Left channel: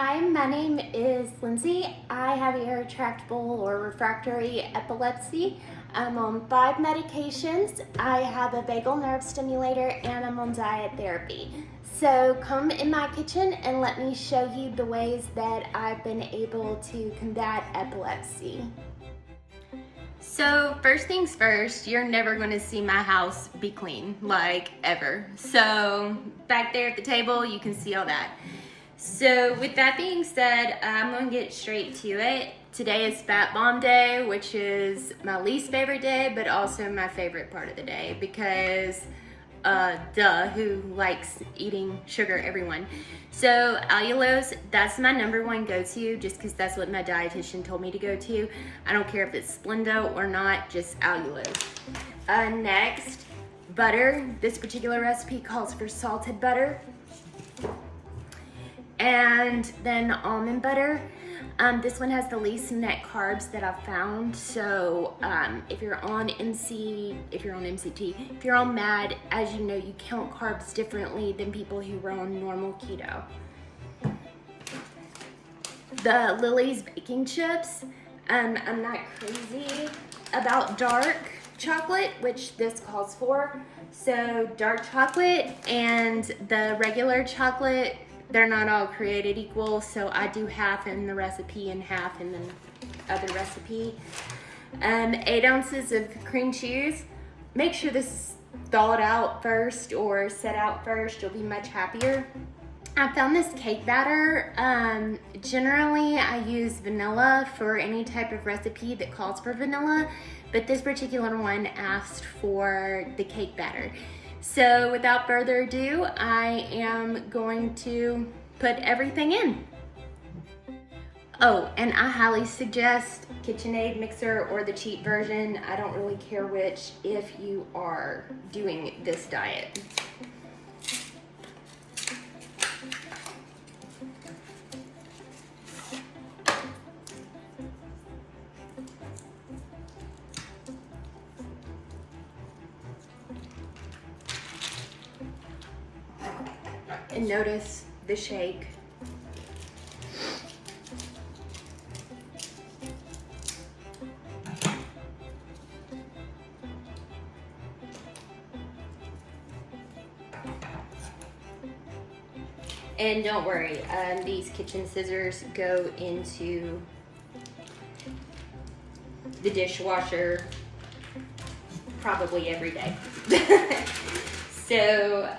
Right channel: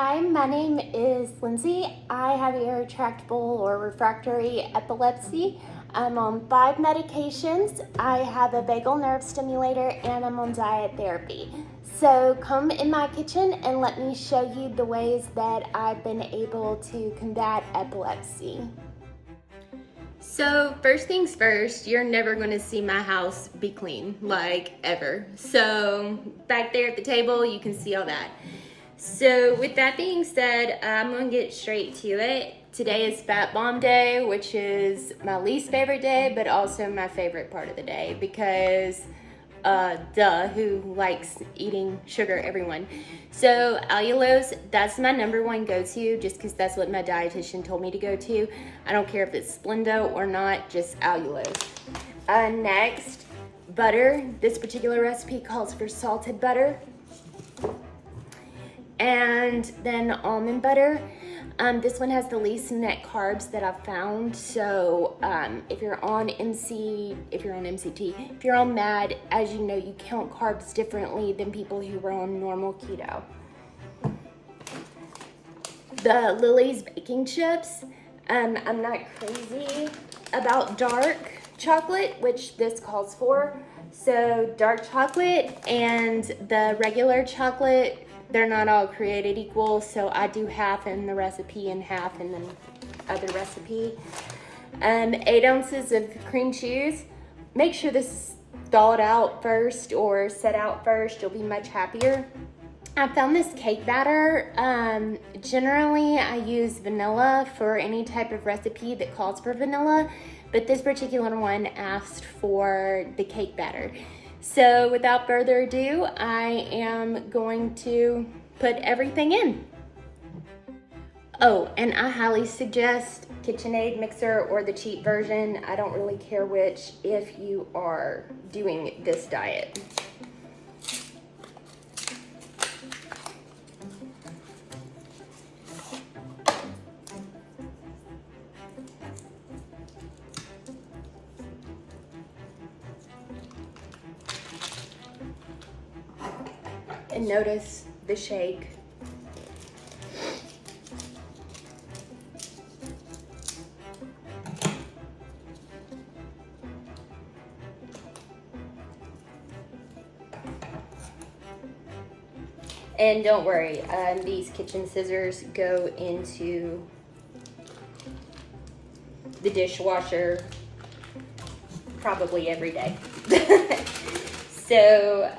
Hi, my name is Lindsay. I have irretractable or refractory epilepsy. I'm on 5 medications. I have a vagal nerve stimulator and I'm on diet therapy. So come in my kitchen and let me show you the ways that I've been able to combat epilepsy. So first things first, you're never going to see my house be clean, like ever. So back there at the table, you can see all that. So with that being said, I'm going to get straight to it. Today is Fat Bomb Day, which is my least favorite day, but also my favorite part of the day because who likes eating sugar? Everyone. So allulose, that's my #1 go-to just because that's what my dietitian told me to go to. I don't care if it's Splenda or not, just allulose. Next, butter. This particular recipe calls for salted butter. And then almond butter. This one has the least net carbs that I've found. So if you're on MCT, if you're on MAD, as you know, you count carbs differently than people who are on normal keto. The Lily's baking chips. I'm not crazy about dark chocolate, which this calls for. So dark chocolate and the regular chocolate, they're not all created equal, so I do half in the recipe and half in the other recipe. 8 ounces of cream cheese. Make sure this is thawed out first or set out first. You'll be much happier. I found this cake batter. Generally, I use vanilla for any type of recipe that calls for vanilla, but this particular one asked for the cake batter. So without further ado, I am going to put everything in. Oh, and I highly suggest KitchenAid mixer or the cheap version. I don't really care which if you are doing this diet. And notice the shake. And don't worry, these kitchen scissors go into the dishwasher probably every day. So,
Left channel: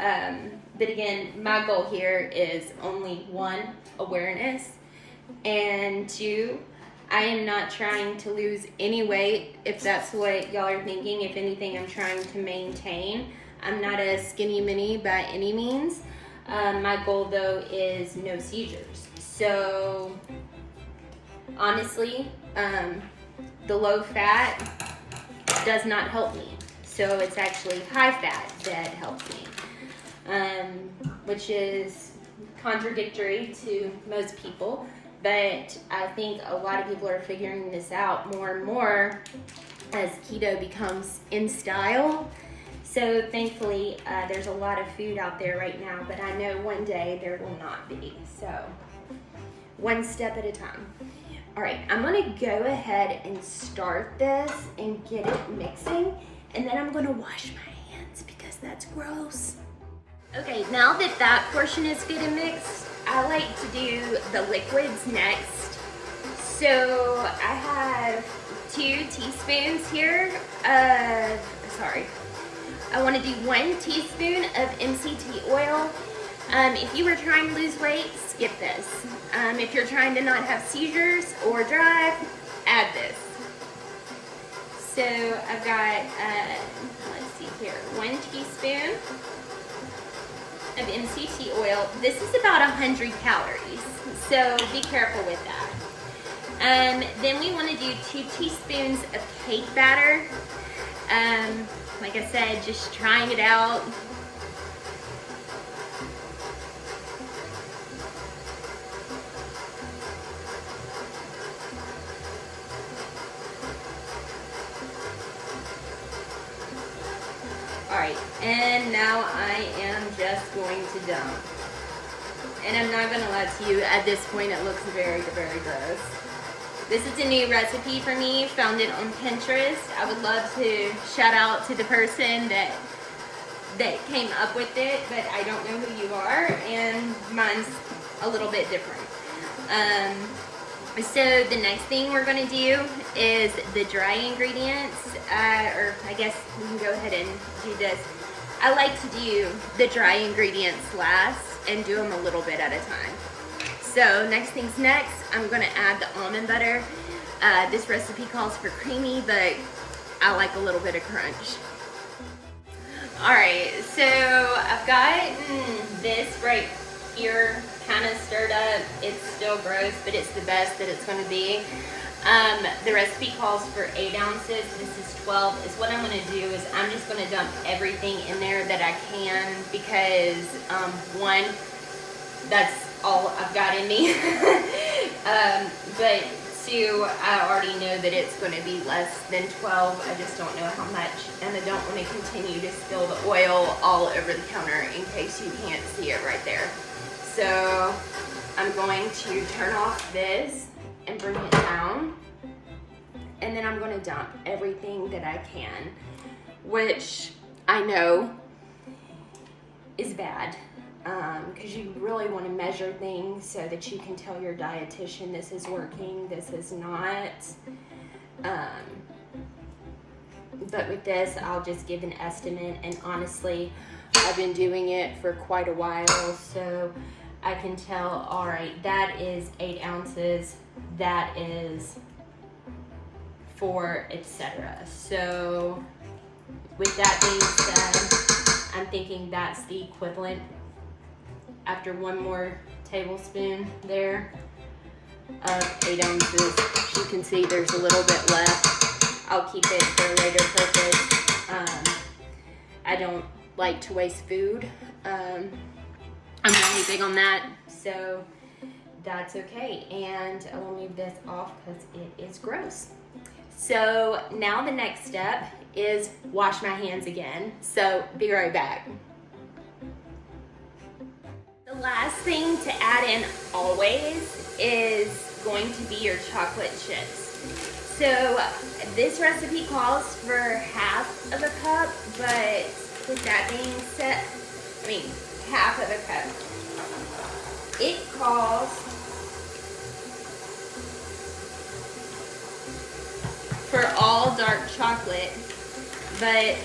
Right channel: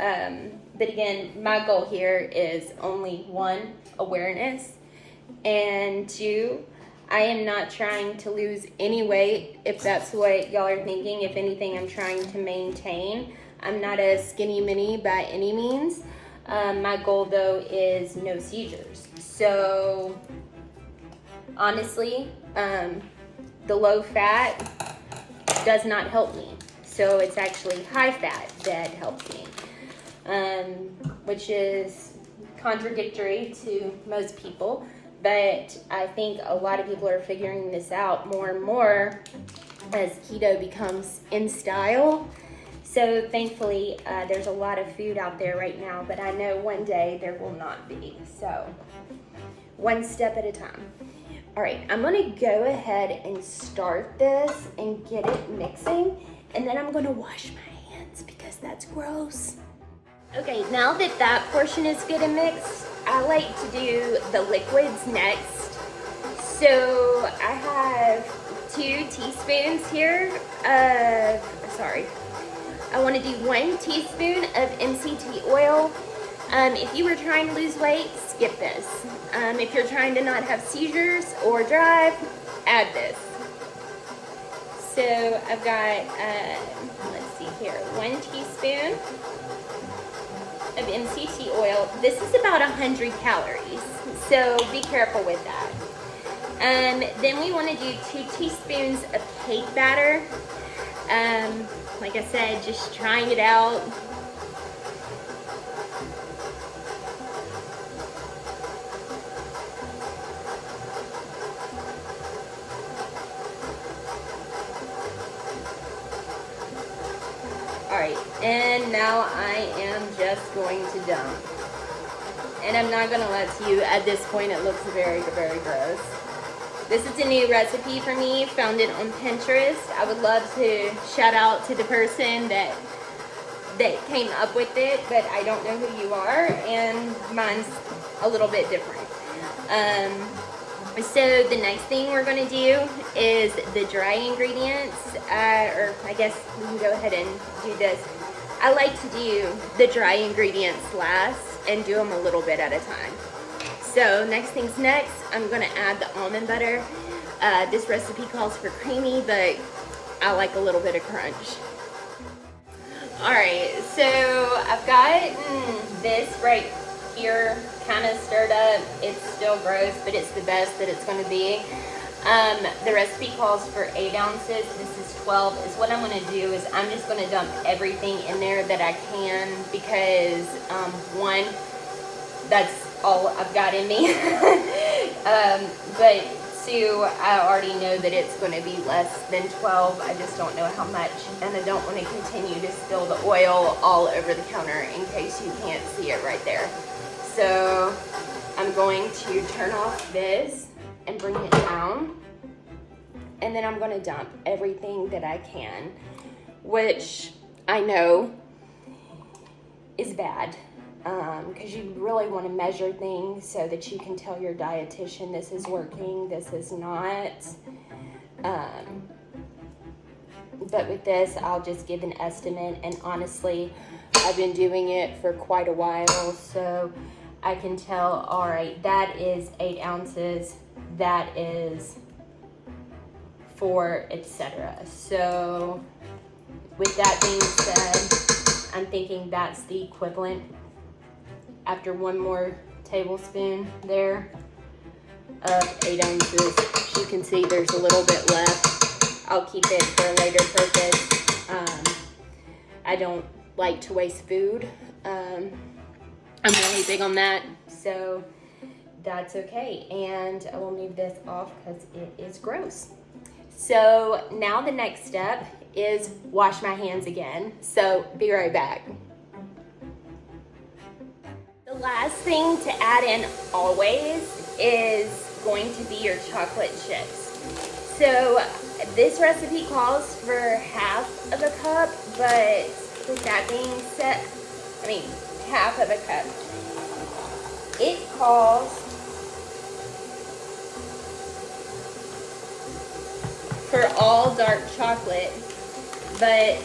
but again, my goal here is only 1, awareness, and 2, I am not trying to lose any weight, if that's what y'all are thinking. If anything, I'm trying to maintain. I'm not a skinny mini by any means. My goal though is no seizures. So honestly, the low fat does not help me. So it's actually high fat that helps me, which is contradictory to most people, but I think a lot of people are figuring this out more and more as keto becomes in style. So thankfully, there's a lot of food out there right now, but I know one day there will not be. So one step at a time. All right, I'm gonna go ahead and start this and get it mixing. And then I'm gonna wash my hands because that's gross. Okay, now that that portion is good and mixed, I like to do the liquids next. So I have 2 teaspoons here of, I wanna do 1 teaspoon of MCT oil. If you were trying to lose weight, skip this. If you're trying to not have seizures or drive, add this. So I've got, let's see here, 1 teaspoon of MCT oil. This is about 100 calories, so be careful with that. Then we want to do 2 teaspoons of cake batter. Like I said, just trying it out. All right, and now I am just going to dump. And I'm not gonna lie to you, at this point it looks very, very gross. This is a new recipe for me, found it on Pinterest. I would love to shout out to the person that came up with it, but I don't know who you are, and mine's a little bit different. So the next thing we're gonna do is the dry ingredients, or I guess we can go ahead and do this. I like to do the dry ingredients last and do them a little bit at a time. So next thing's next, I'm gonna add the almond butter. This recipe calls for creamy, but I like a little bit of crunch. All right, so I've got this right here kind of stirred up. It's still gross, but it's the best that it's gonna be. The recipe calls for 8 ounces. This is 12. Is what I'm gonna do is I'm just gonna dump everything in there that I can, because one, that's all I've got in me. But two, I already know that it's gonna be less than 12. I just don't know how much, and I don't want to continue to spill the oil all over the counter in case you can't see it right there. So I'm going to turn off this and bring it down, and then I'm gonna dump everything that I can, which I know is bad, because you really want to measure things so that you can tell your dietitian this is working, this is not. But with this, I'll just give an estimate, and honestly, I've been doing it for quite a while, so I can tell, all right, that is 8 ounces, that is 4, etc. So with that being said, I'm thinking that's the equivalent, after one more tablespoon there, of 8 ounces. As you can see, there's a little bit left. I'll keep it for a later purpose. I don't like to waste food. I'm really big on that, so that's okay. And I will move this off because it is gross. So now the next step is wash my hands again. So be right back. The last thing to add in always is going to be your chocolate chips. So this recipe calls for half of a cup, but with that being said, half of a cup. It calls for all dark chocolate, but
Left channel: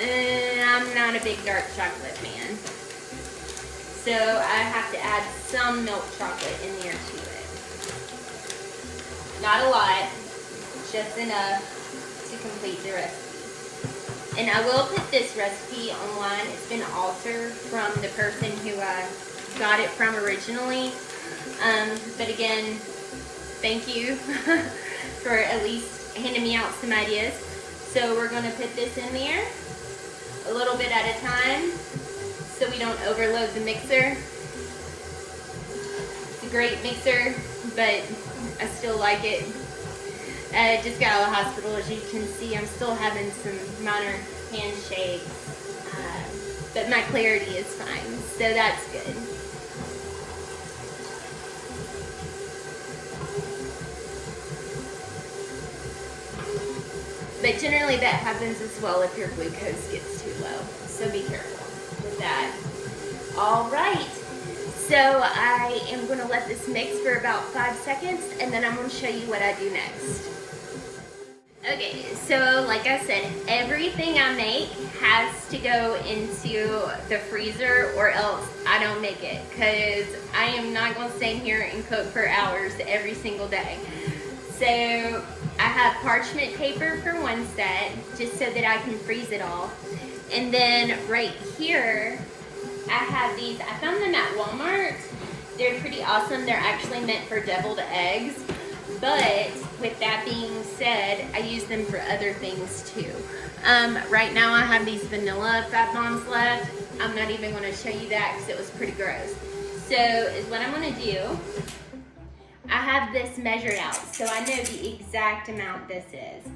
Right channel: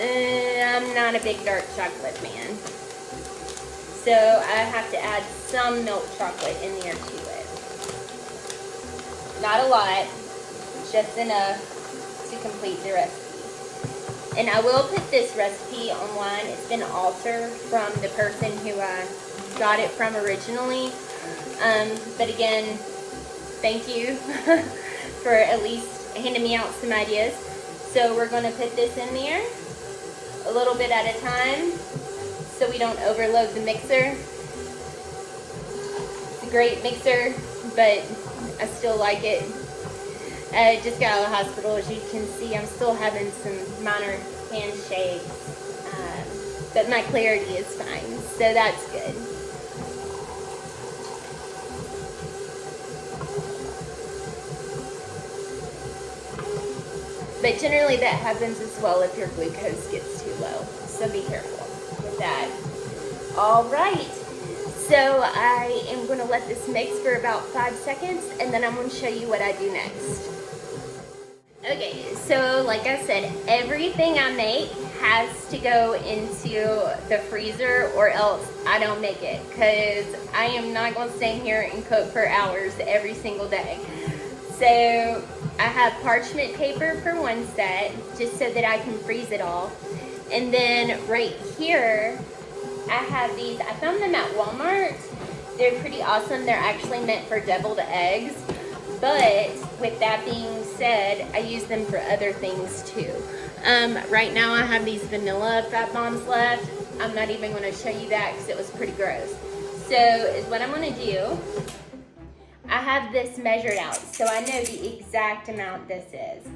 I'm not a big dark chocolate fan. So I have to add some milk chocolate in there to it. Not a lot, just enough to complete the recipe. And I will put this recipe online. It's been altered from the person who I got it from originally. But again, thank you for at least handing me out some ideas. So we're going to put this in there a little bit at a time so we don't overload the mixer. It's a great mixer, but I still like it. I just got out of the hospital. As you can see, I'm still having some minor handshakes, but my clarity is fine, so that's good. But generally that happens as well if your glucose gets too low, so be careful with that. All right, so I am going to let this mix for about 5 seconds, and then I'm going to show you what I do next. Okay, so like I said, everything I make has to go into the freezer or else I don't make it, because I am not going to stand here and cook for hours every single day. So I have parchment paper for one set, just so that I can freeze it all. And then right here, I have these. I found them at Walmart. They're pretty awesome. They're actually meant for deviled eggs. But with that being said, I use them for other things too. Right now I have these vanilla fat bombs left. I'm not even going to show you that because it was pretty gross. So what I'm going to do, I have this measured out, so I know the exact amount this is.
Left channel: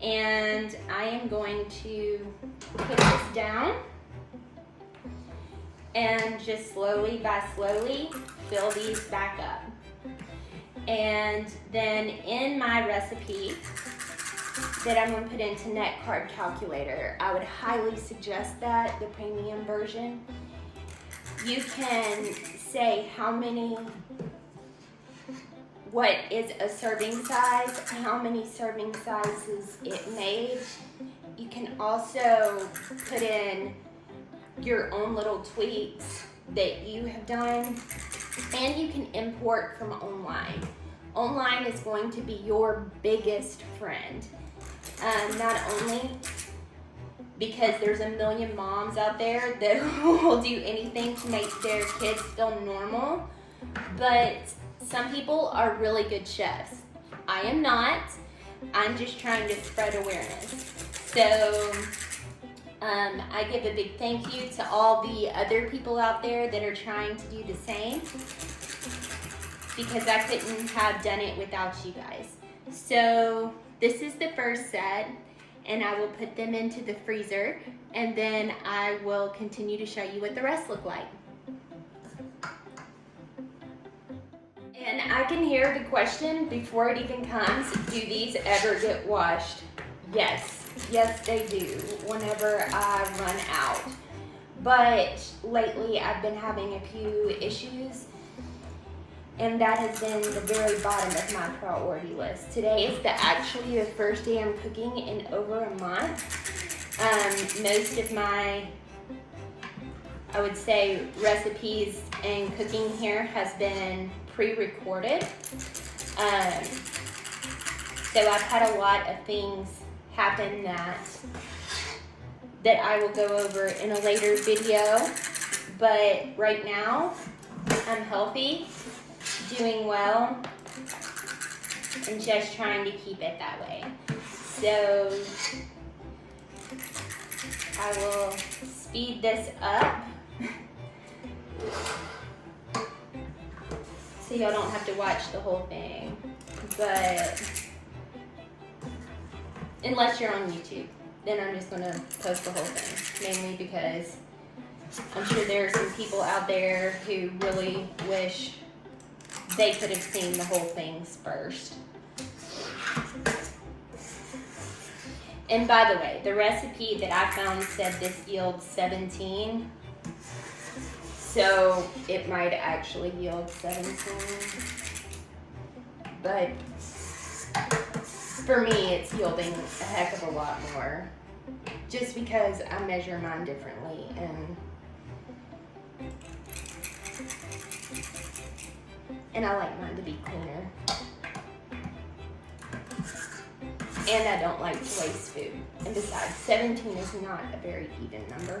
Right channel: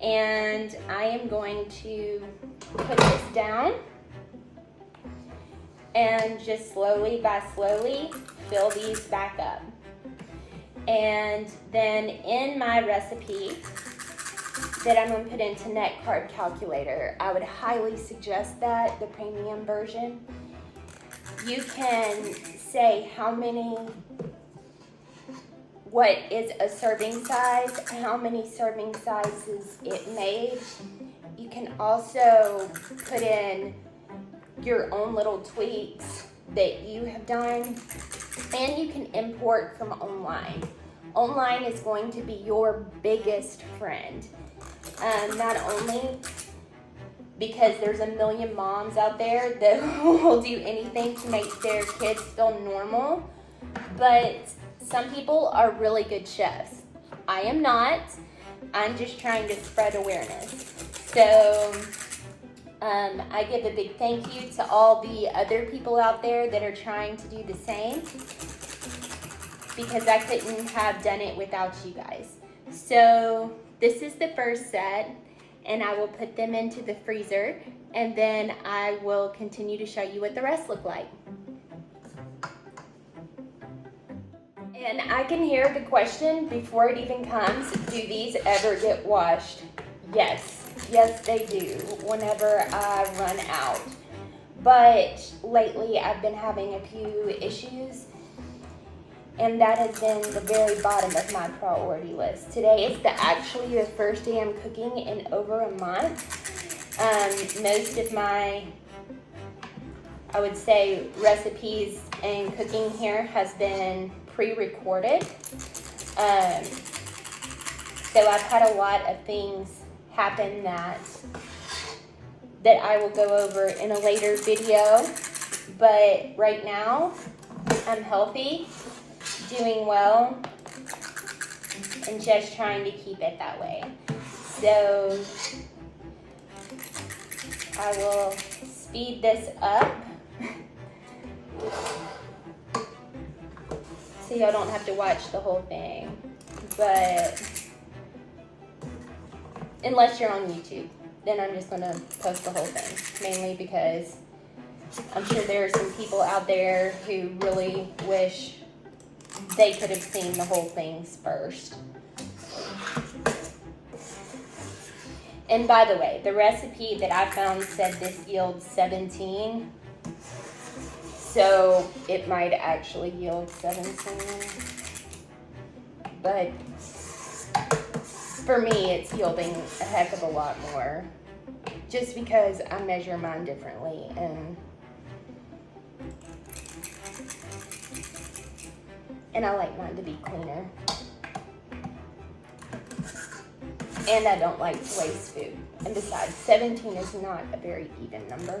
And I am going to put this down. and just slowly fill these back up. And then in my recipe that I'm going to put into Net Carb Calculator, I would highly suggest that, the premium version. You can say what is a serving size, how many serving sizes it made. You can also put in your own little tweaks that you have done, and you can import from online. Online is going to be your biggest friend. Not only because there's a million moms out there that will do anything to make their kids feel normal, but some people are really good chefs. I am not. I'm just trying to spread awareness. So I give a big thank you to all the other people out there that are trying to do the same, because I couldn't have done it without you guys. So this is the first set, and I will put them into the freezer, and then I will continue to show you what the rest look like. And I can hear the question before it even comes, do these ever get washed? Yes they do, whenever I run out. But lately I've been having a few issues, and that has been the very bottom of my priority list. Today is actually the first day I'm cooking in over a month. Most of my, I would say, recipes and cooking here has been pre-recorded. So I've had a lot of things happen that I will go over in a later video. But right now, I'm healthy, doing well, and just trying to keep it that way. So I will speed this up so y'all don't have to watch the whole thing, but unless you're on YouTube, then I'm just gonna post the whole thing, mainly because I'm sure there are some people out there who really wish they could have seen the whole things first. And by the way, the recipe that I found said this yields 17, so it might actually yield 17, but for me it's yielding a heck of a lot more, just because I measure mine differently, and I like mine to be cleaner. And I don't like to waste food. And besides, 17 is not a very even number.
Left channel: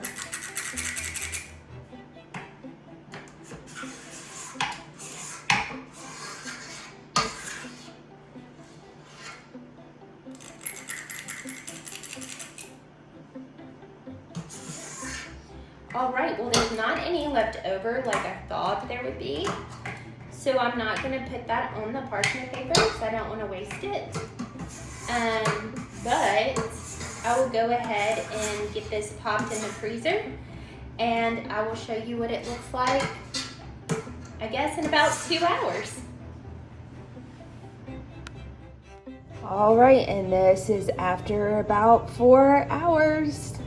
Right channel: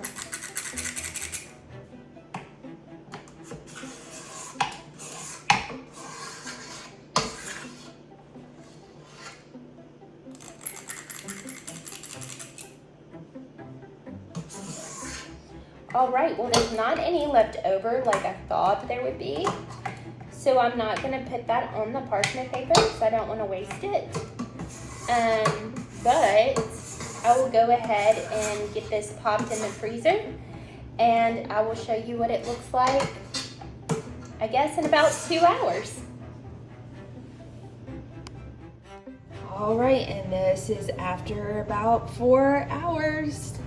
All right, well, there's not any left over like I thought there would be. So I'm not gonna put that on the parchment paper, so I don't wanna waste it. But I will go ahead and get this popped in the freezer, and I will show you what it looks like, I guess, in about 2 hours. All right, and this is after about 4 hours.